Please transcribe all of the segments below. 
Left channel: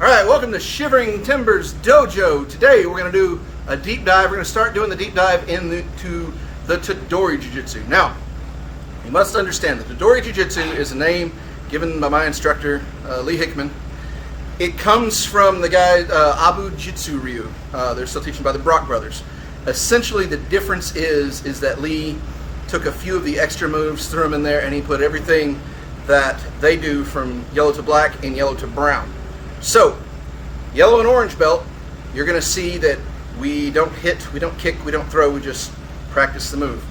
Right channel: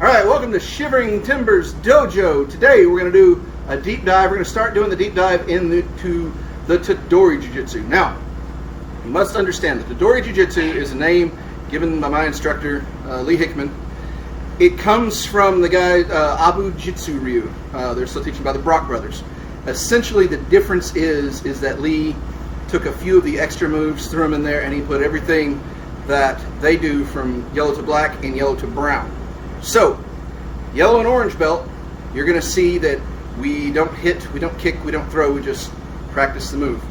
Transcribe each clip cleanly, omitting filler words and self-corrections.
All right, welcome to Shivering Timbers Dojo. Today we're going to do a deep dive. We're going to start doing the deep dive into the Tedori Jujitsu. Now, you must understand that Tedori Jujitsu is a name given by my instructor, Lee Hickman. It comes from the guy, Abu Jitsu Ryu. They're still teaching by the Brock brothers. Essentially, the difference is that Lee took a few of the extra moves, threw them in there, and he put everything that they do from yellow to black and yellow to brown. So, yellow and orange belt, you're going to see that we don't hit, we don't kick, we don't throw, we just practice the move.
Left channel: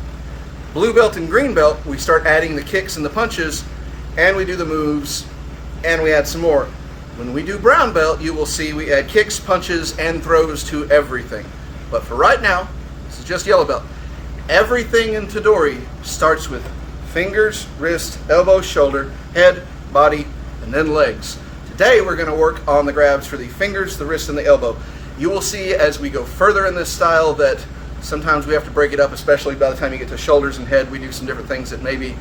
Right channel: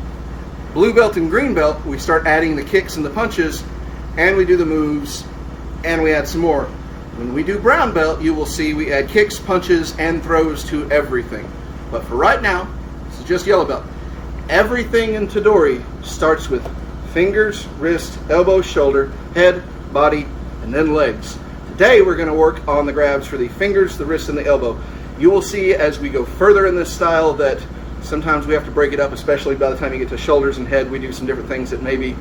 Blue belt and green belt, we start adding the kicks and the punches, and we do the moves, and we add some more. When we do brown belt, you will see we add kicks, punches, and throws to everything. But for right now, this is just yellow belt. Everything in Tedori starts with fingers, wrist, elbow, shoulder, head, body, and then legs. Today we're going to work on the grabs for the fingers, the wrist, and the elbow. You will see as we go further in this style that sometimes we have to break it up, especially by the time you get to shoulders and head. We do some different things that maybe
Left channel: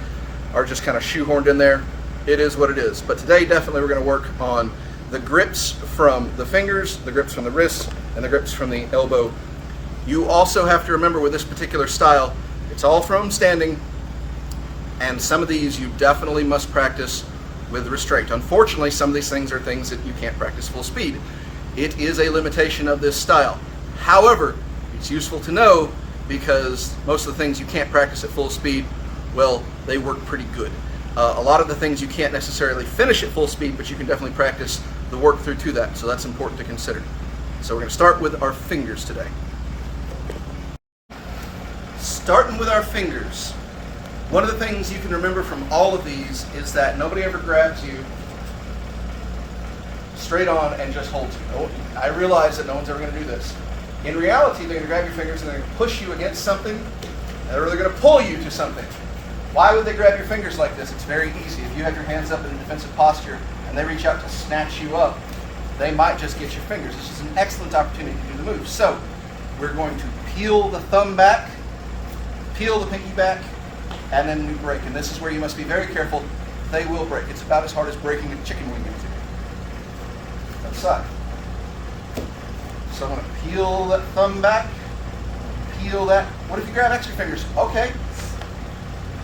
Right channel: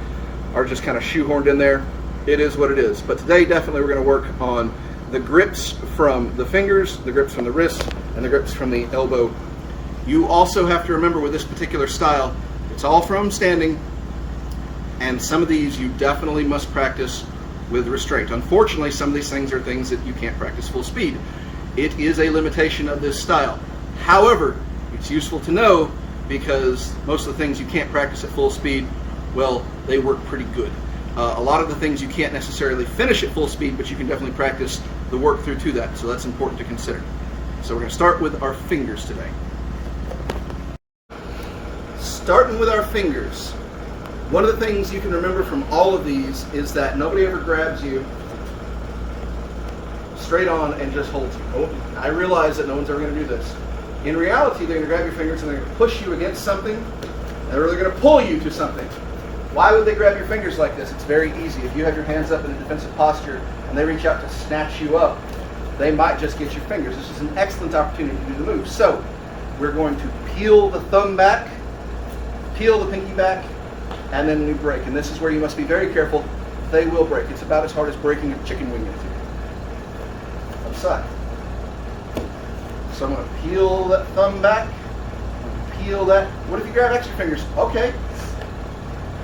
are just kind of shoehorned in there. It is what it is. But today definitely we're going to work on the grips from the fingers, the grips from the wrists, and the grips from the elbow. You also have to remember with this particular style, it's all from standing, and some of these you definitely must practice with restraint. Unfortunately, some of these things are things that you can't practice full speed. It is a limitation of this style. However, it's useful to know because most of the things you can't practice at full speed, well, they work pretty good. A lot of the things you can't necessarily finish at full speed, but you can definitely practice the work through to that, so that's important to consider. So we're going to start with our fingers today. Starting with our fingers, one of the things you can remember from all of these is that nobody ever grabs you straight on and just holds you. Oh, I realize that no one's ever going to do this. In reality, they're going to grab your fingers and they're going to push you against something, and they're going to pull you to something. Why would they grab your fingers like this? It's very easy. If you have your hands up in a defensive posture and they reach out to snatch you up, they might just get your fingers. This is an excellent opportunity to do the move. So we're going to peel the thumb back, peel the pinky back, and then we break. And this is where you must be very careful. They will break. It's about as hard as breaking a chicken wing. Side. So I'm going to peel that thumb back, peel that. What if you grab extra fingers? Okay.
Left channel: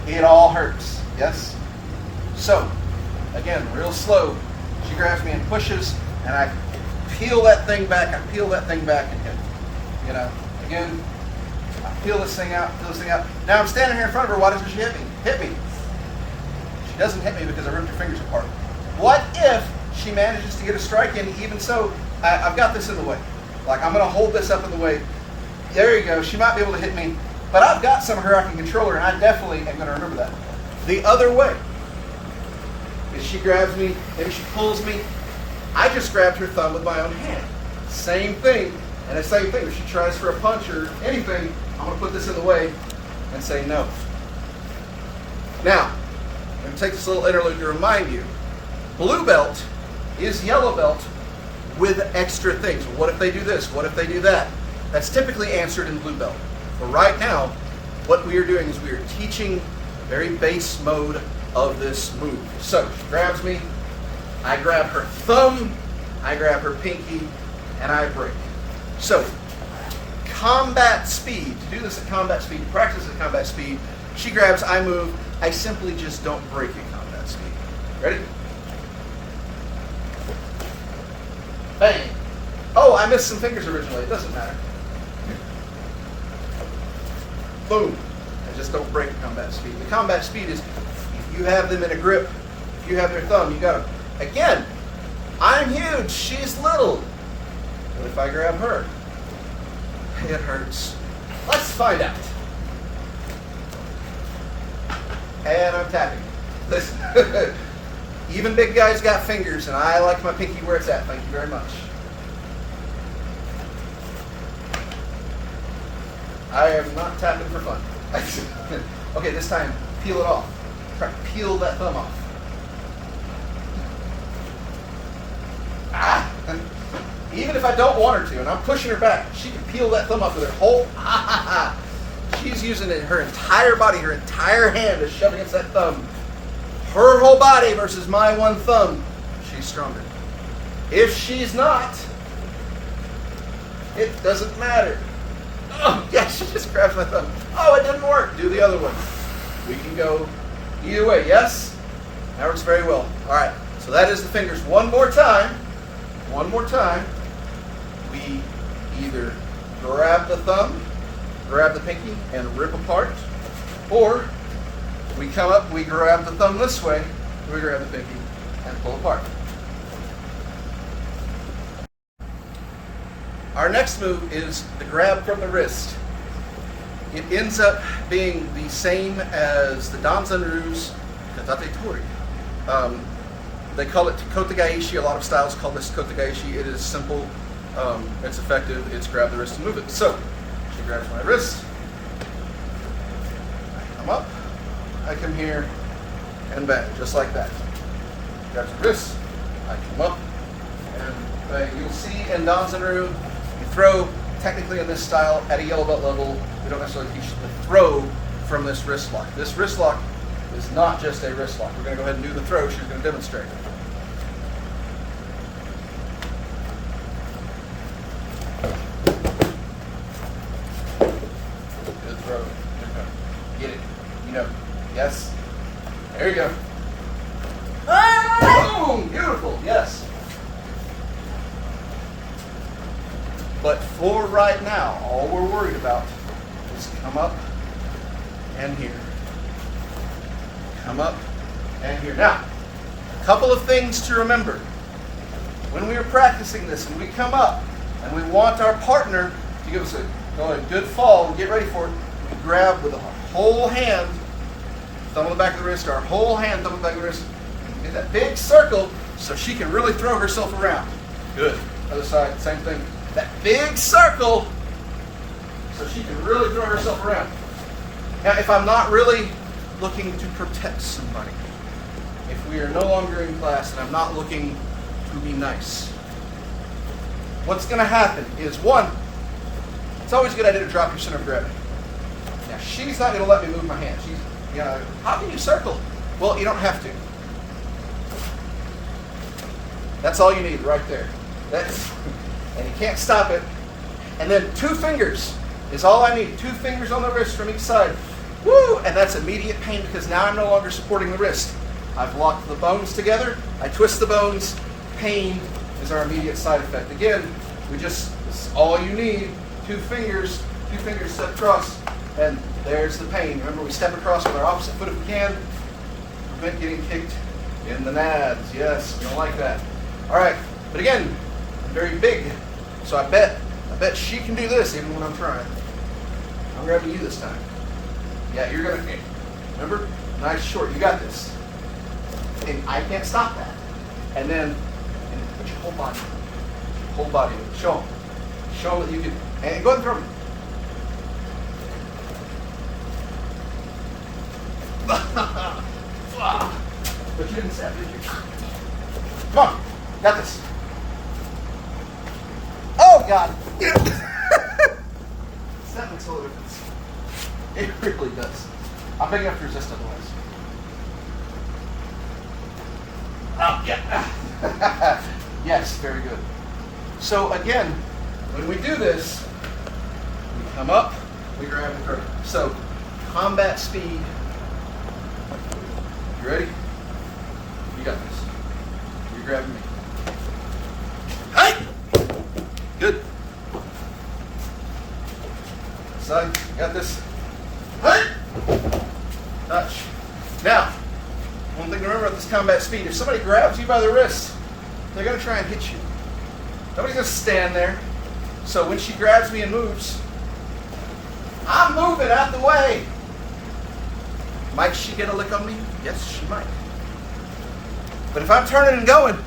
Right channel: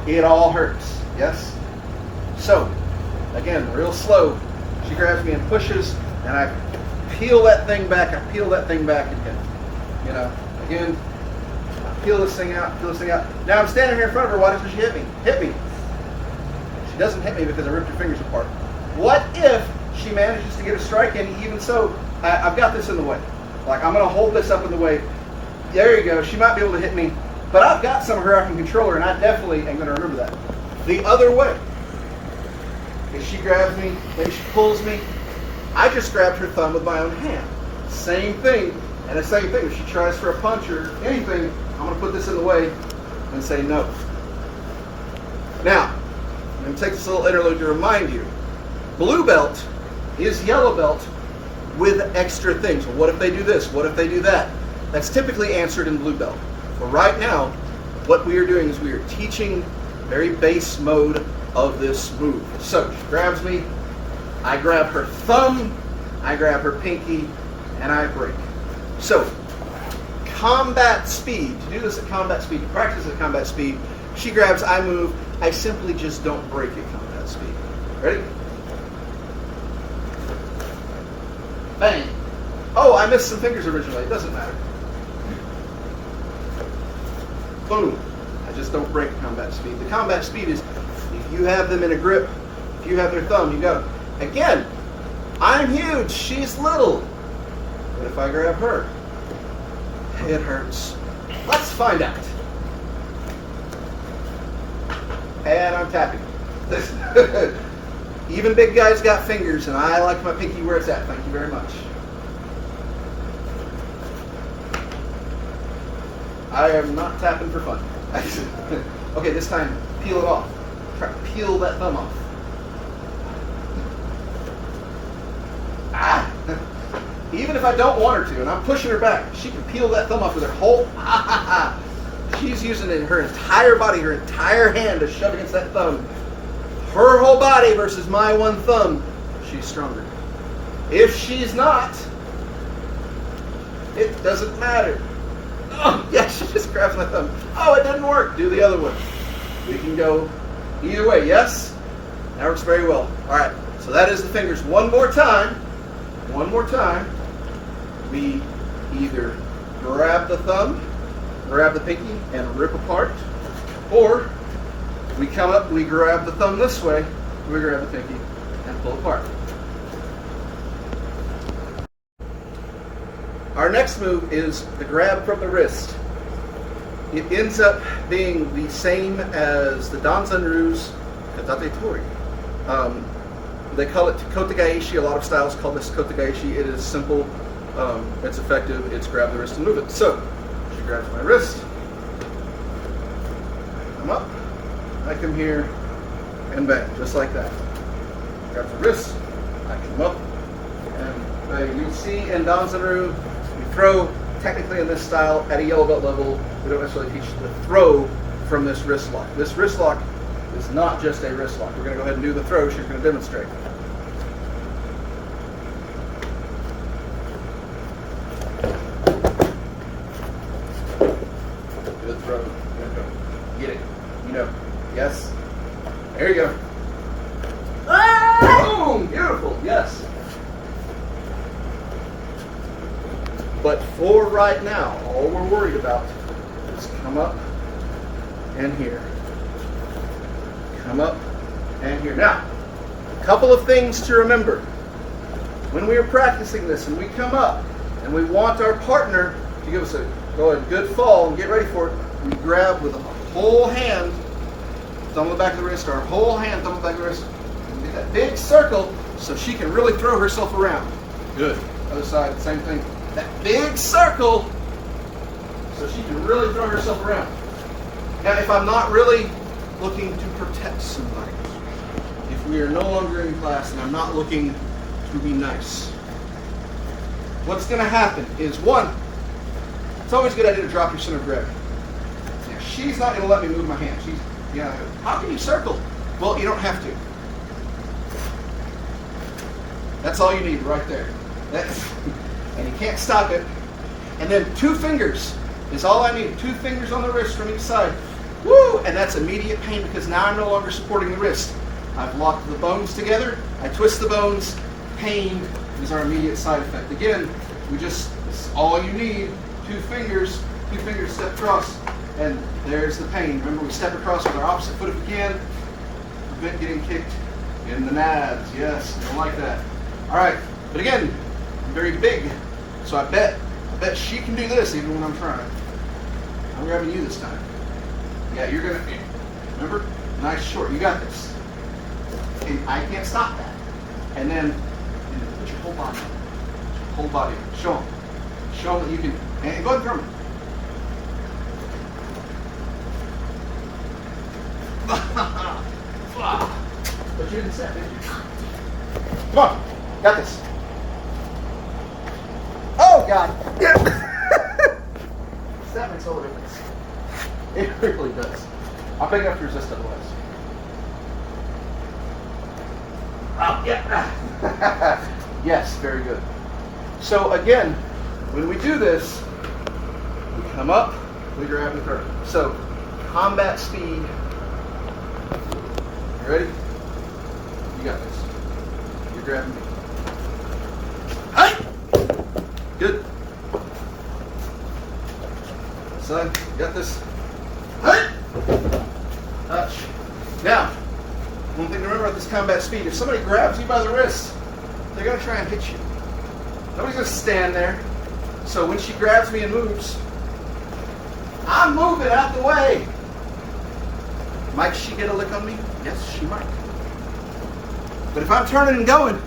It all hurts, yes? So, again, real slow. She grabs me and pushes, and I peel that thing back, I peel that thing back again. You know, again, I peel this thing out, peel this thing out. Now I'm standing here in front of her, why doesn't she hit me? Hit me. She doesn't hit me because I ripped her fingers apart. What if she manages to get a strike in? Even so, I've got this in the way. Like, I'm going to hold this up in the way. There you go. She might be able to hit me, but I've got some of her, I can control her, and I definitely am going to remember that. The other way, if she grabs me, maybe she pulls me, I just grabbed her thumb with my own hand. Same thing, and the same thing, if she tries for a punch or anything, I'm going to put this in the way and say no. Now, I'm going to take this little interlude to remind you, blue belt is yellow belt with extra things. What if they do this? What if they do that? That's typically answered in blue belt. For right now, what we are doing is we are teaching very base mode of this move. So she grabs me, I grab her thumb, I grab her pinky, and I break. So, combat speed. To do this at combat speed, practice at combat speed, she grabs, I move, I simply just don't break at combat speed. Ready? Bang. Oh, I missed some fingers originally. It doesn't matter. Boom. Just don't break combat speed. The combat speed is if you have them in a grip, if you have their thumb, you got them. Again, I'm huge, she's little. What if I grab her? It hurts. Let's find out. And I'm tapping. Listen. Even big guys got fingers, and I like my pinky where it's at. Thank you very much. I am not tapping for fun. Okay, this time, peel it off. Peel that thumb off. Ah! Even if I don't want her to, and I'm pushing her back, she can peel that thumb off with her whole... She's using her entire body, her entire hand to shove against that thumb. Her whole body versus my one thumb, she's stronger. If she's not, it doesn't matter. Oh, yeah, she just grabs my thumb. Oh, it didn't work. Do the other one. We can go either way. Yes? That works very well. All right, so that is the fingers. One more time. One more time. We either grab the thumb, grab the pinky, and rip apart, or we come up, we grab the thumb this way, we grab the pinky, and pull apart. Our next move is the grab from the wrist. It ends up being the same as the Danzanryu's Katate Tori. They call it Kotegaeshi. A lot of styles call this Kotegaeshi. It is simple, it's effective, it's grab the wrist and move it. So, she grabs my wrist, I come up, I come here, and bang, just like that. Grabs the wrist, I come up, and you'll see in Danzanryu, you throw, technically in this style, at a yellow belt level, we don't necessarily teach the throw from this wrist lock. This wrist lock is not just a wrist lock. We're going to go ahead and do the throw. She's going to demonstrate. The throw. Get it. You know. Yes. There you go. Boom! Beautiful. Yes. But for right now, all we're worried about is come up and here. Come up and here. Now, a couple of things to remember. When we are practicing this and we come up and we want our partner to give us a good fall and get ready for it, we grab with our whole hand, thumb on the back of the wrist, our whole hand, thumb on the back of the wrist, and we get that big circle so she can really throw herself around. Good. Other side, same thing. That big circle so she can really throw herself around. Now, if I'm not really looking to protect somebody, if we are no longer in class and I'm not looking to be nice, what's going to happen is, one, it's always a good idea to drop your center of gravity. Now, she's not going to let me move my hand. She's, you know, how can you circle? Well, you don't have to. That's all you need right there. That's, and you can't stop it. And then 2 fingers is all I need. 2 fingers on the wrist from each side. Woo! And that's immediate pain because now I'm no longer supporting the wrist. I've locked the bones together. I twist the bones. Pain is our immediate side effect. Again, it's all you need. 2 fingers step across, and there's the pain. Remember, we step across with our opposite foot if we can. Prevent getting kicked in the nads. Yes, don't like that. All right, but again, I'm very big, so I bet she can do this even when I'm trying. I'm grabbing you this time. Yeah, you're gonna, remember? Nice short, you got this. And I can't stop that. And then put your whole body. Show them. Show them that you can, and go ahead and throw them. But you didn't step, did you? Come on, got this. Oh, God. That makes all the difference. It really does. I'm big enough to resist otherwise. Oh, yeah. Yes, very good. So again, when we do this, we come up, we grab and throw. So combat speed. You ready? You got this. You're grabbing me. Hey! Good. Son, you got this. Hey! Touch. Now, one thing to remember about this combat speed, if somebody grabs you by the wrist, they're going to try and hit you. Nobody's going to stand there. So when she grabs me and moves, I'm moving out the way. Might she get a lick on me? Yes, she might. But if I'm turning and going,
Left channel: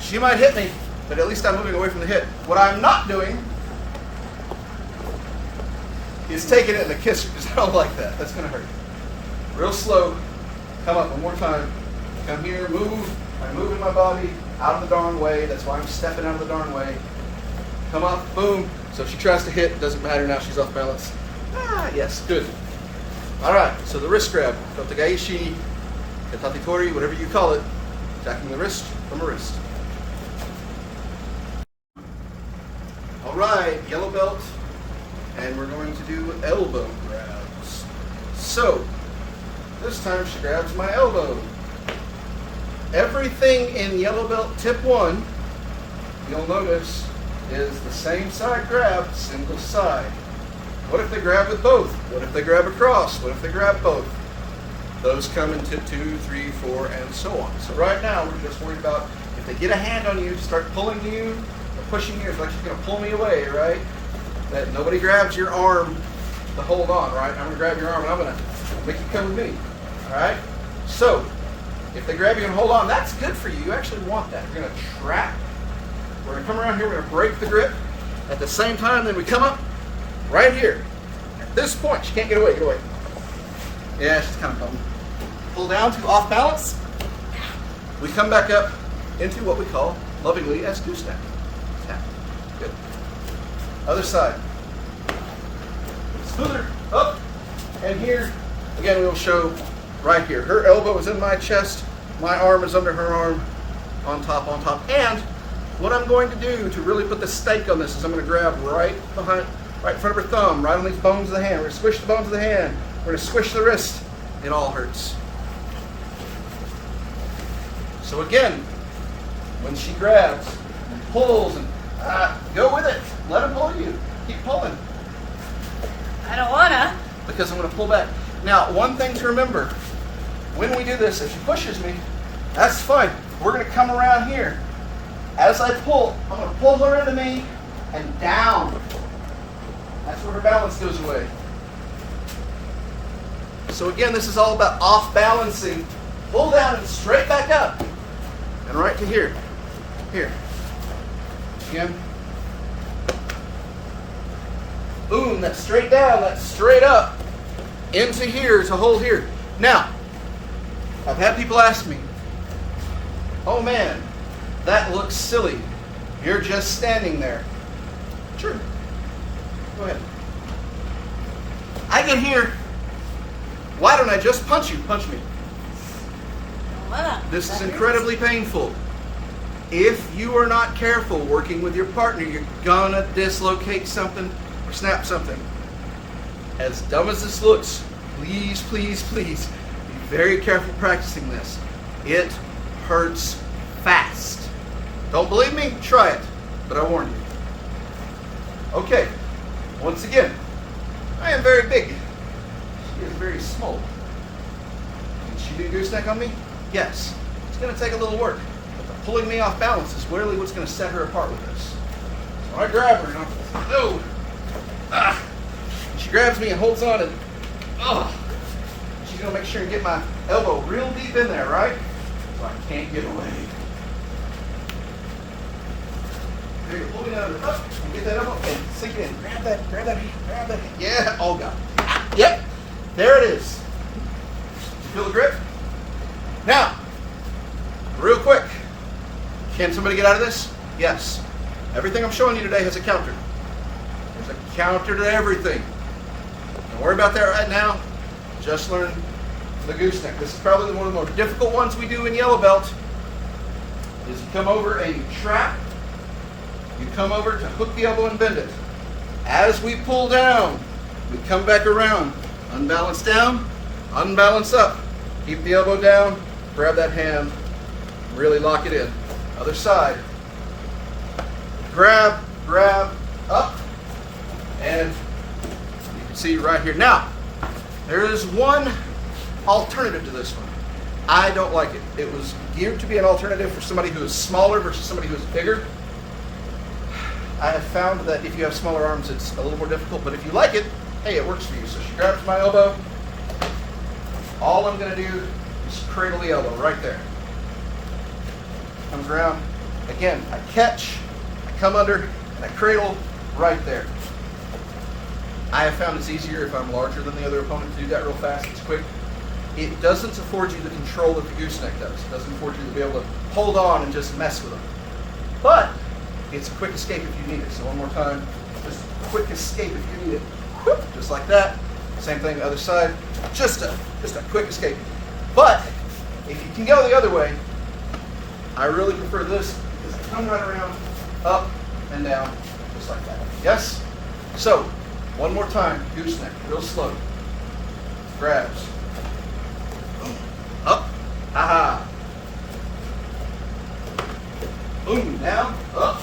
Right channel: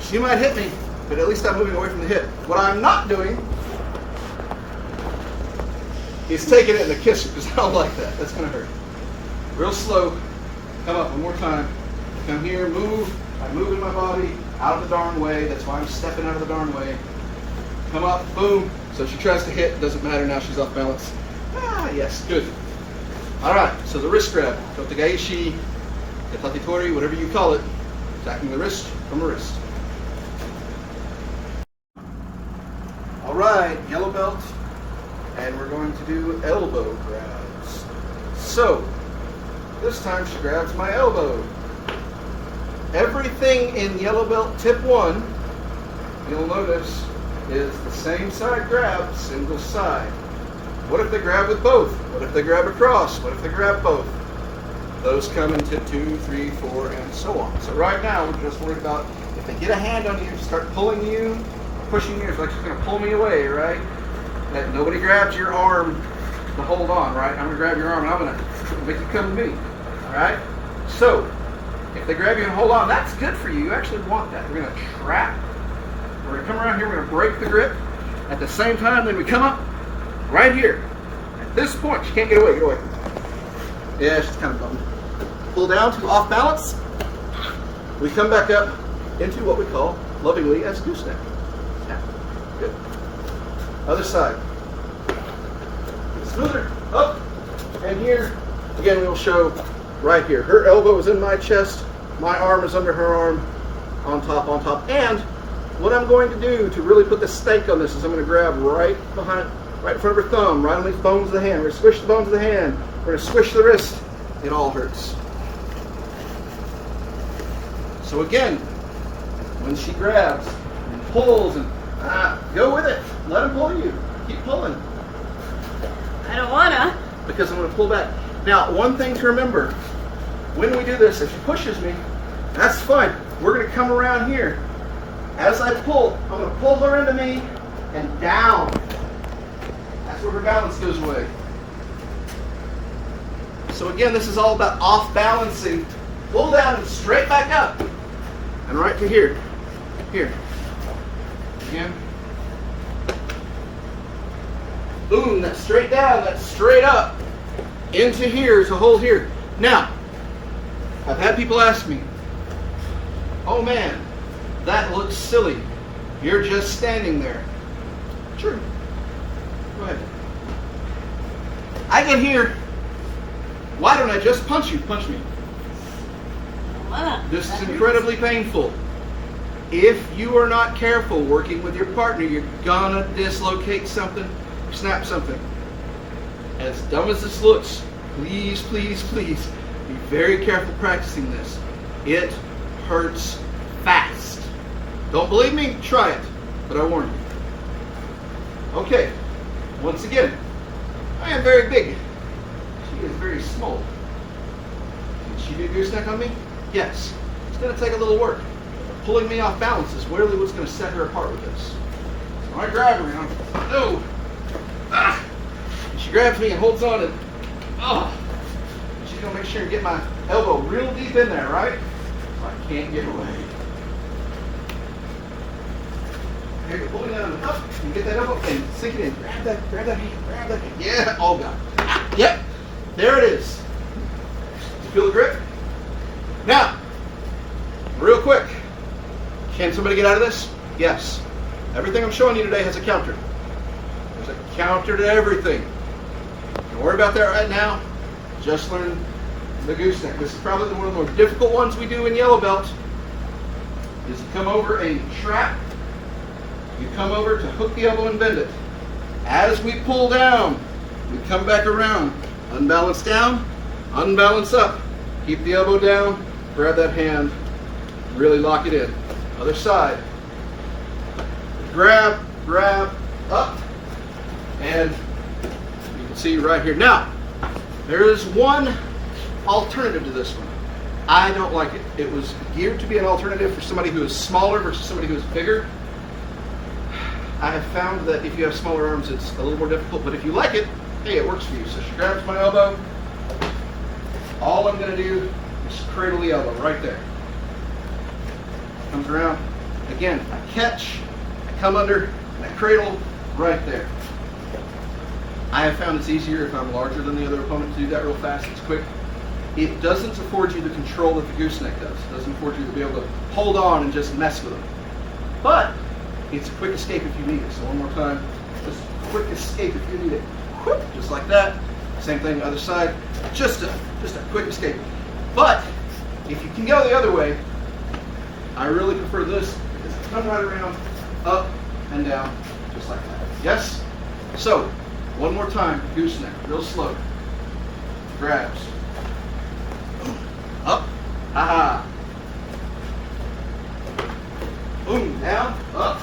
she might hit me, but at least I'm moving away from the hit. What I'm not doing is taking it in a kisser, because I don't like that. That's going to hurt. Real slow. Come up one more time. Come here, move. I'm moving my body out of the darn way. That's why I'm stepping out of the darn way. Come up, boom. So if she tries to hit, it doesn't matter. Now she's off balance. Ah, yes, good. All right, so the wrist grab. Kotegaeshi, Katate Tori, whatever you call it. Jacking the wrist from the wrist. All right, yellow belt, and we're going to do elbow grabs. So, this time she grabs my elbow. Everything in yellow belt tip 1, you'll notice, is the same side grab, single side. What if they grab with both? What if they grab across? What if they grab both? Those come in tip 2, 3, 4, and so on. So right now, we're just worried about if they get a hand on you, start pulling you, pushing you, it's like she's going to pull me away, right? That nobody grabs your arm to hold on, right? I'm going to grab your arm and I'm going to make you come to me, all right? So, if they grab you and hold on, that's good for you. You actually want that. We're going to trap. We're going to come around here, we're going to break the grip. At the same time, then we come up right here. At this point, she can't get away. You're going, yeah, she's kind of bummed. Pull down to off balance. We come back up into what we call lovingly as gooseneck. Good. Other side. Smoother. Up. And here, again, we'll show right here. Her elbow is in my chest. My arm is under her arm. On top, on top. And what I'm going to do to really put the stake on this is I'm going to grab right behind, right in front of her thumb, right on these bones of the hand. We're going to squish the bones of the hand. We're going to squish the wrist. It all hurts. So again, when she grabs and pulls and go with it. Let her pull you. Keep pulling. I don't wanna. Because I'm going to pull back. Now, one thing to remember, when we do this, if she pushes me, that's fine. We're going to come around here. As I pull, I'm going to pull her into me and down. That's where her balance goes away. So again, this is all about off balancing. Pull down and straight back up. And right to here. Here. Again. Boom, that's straight down, that's straight up. Into here to hold here. Now, I've had people ask me, oh man, that looks silly. You're just standing there. Sure. Go ahead. I get here. Why don't I just punch you? Punch me. This is incredibly painful. If you are not careful working with your partner, you're gonna dislocate something, snap something. As dumb as this looks, please, please, please, be very careful practicing this. It hurts fast. Don't believe me? Try it, but I warn you. Okay, once again, I am very big. She is very small. Can she do gooseneck on me? Yes. It's going to take a little work. Pulling me off balance is really what's going to set her apart with this. So I grab her and no. She grabs me and holds on and she's going to make sure and get my elbow real deep in there, right? So I can't get away. Here, pull me down and up. You get that elbow and sink it in. Grab that beat, grab that beat. Yeah, oh God. Yep, there it is. Feel the grip? Now, real quick, can somebody get out of this? Yes. Everything I'm showing you today has a counter. There's a counter to everything. Don't worry about that right now. Just learn the gooseneck. This is probably one of the more difficult ones we do in yellow belt. Is you come over and you trap. You come over to hook the elbow and bend it. As we pull down, we come back around. Unbalance down, unbalance up. Keep the elbow down, grab that hand, really lock it in. Other side. Grab, grab, up, and you can see right here. Now, there is one alternative to this one. I don't like it. It was geared to be an alternative for somebody who is smaller versus somebody who is bigger. I have found that if you have smaller arms, it's a little more difficult, but if you like it, hey, it works for you. So she grabs my elbow. All I'm going to do is cradle the elbow right there. Comes around. Again, I catch, I come under, I cradle right there. I have found it's easier if I'm larger than the other opponent to do that real fast. It's quick. It doesn't afford you the control that the gooseneck does. It doesn't afford you to be able to hold on and just mess with them. But it's a quick escape if you need it. So one more time, just a quick escape if you need it. Whoop, just like that. Same thing the other side. Just a quick escape. But if you can go the other way, I really prefer this because I come right around, up and down, just like that. Yes? So, one more time, gooseneck, real slow. Grabs. Up, ha-ha. Boom, down, up.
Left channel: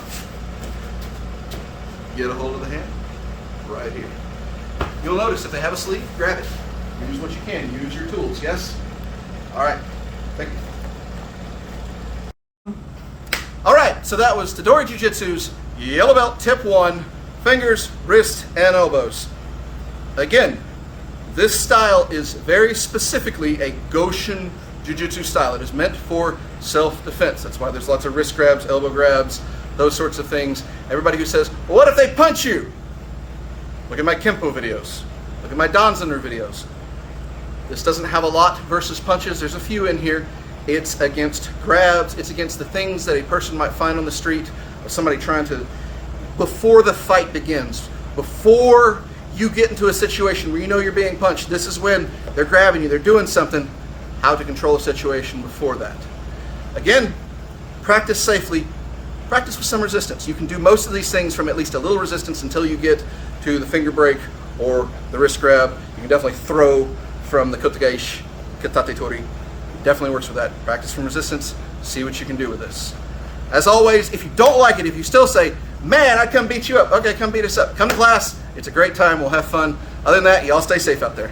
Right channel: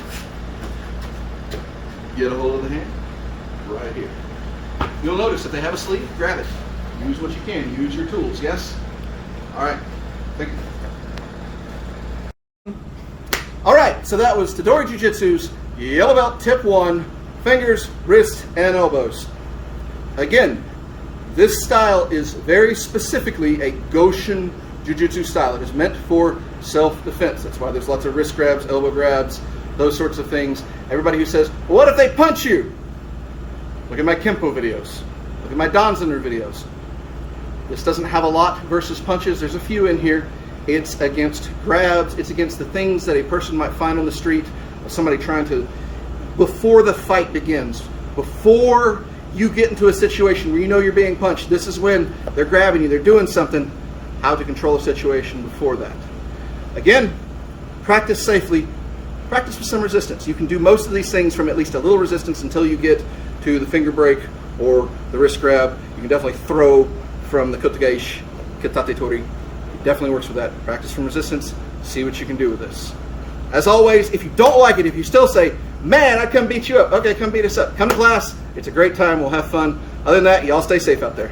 Get a hold of the hand, right here. You'll notice if they have a sleeve, grab it. Use what you can, use your tools, yes? All right, thank you. All right, so that was Tedori Jujitsu's Yellow Belt Tip 1, fingers, wrists, and elbows. Again, this style is very specifically a Goshin Jiu-Jitsu style. It is meant for self-defense. That's why there's lots of wrist grabs, elbow grabs, those sorts of things. Everybody who says, well, what if they punch you? Look at my Kempo videos. Look at my Danzaner videos. This doesn't have a lot versus punches. There's a few in here. It's against grabs. It's against the things that a person might find on the street. Somebody trying to, before the fight begins, before you get into a situation where you know you're being punched, this is when they're grabbing you, they're doing something, how to control a situation before that. Again, practice safely, practice with some resistance. You can do most of these things from at least a little resistance until you get to the finger break or the wrist grab. You can definitely throw from the kotegeishi, kitate tori. It definitely works with that. Practice from resistance, see what you can do with this. As always, if you don't like it, if you still say, man, I'd come beat you up, okay, come beat us up. Come to class, it's a great time, we'll have fun. Other than that, you all stay safe out there.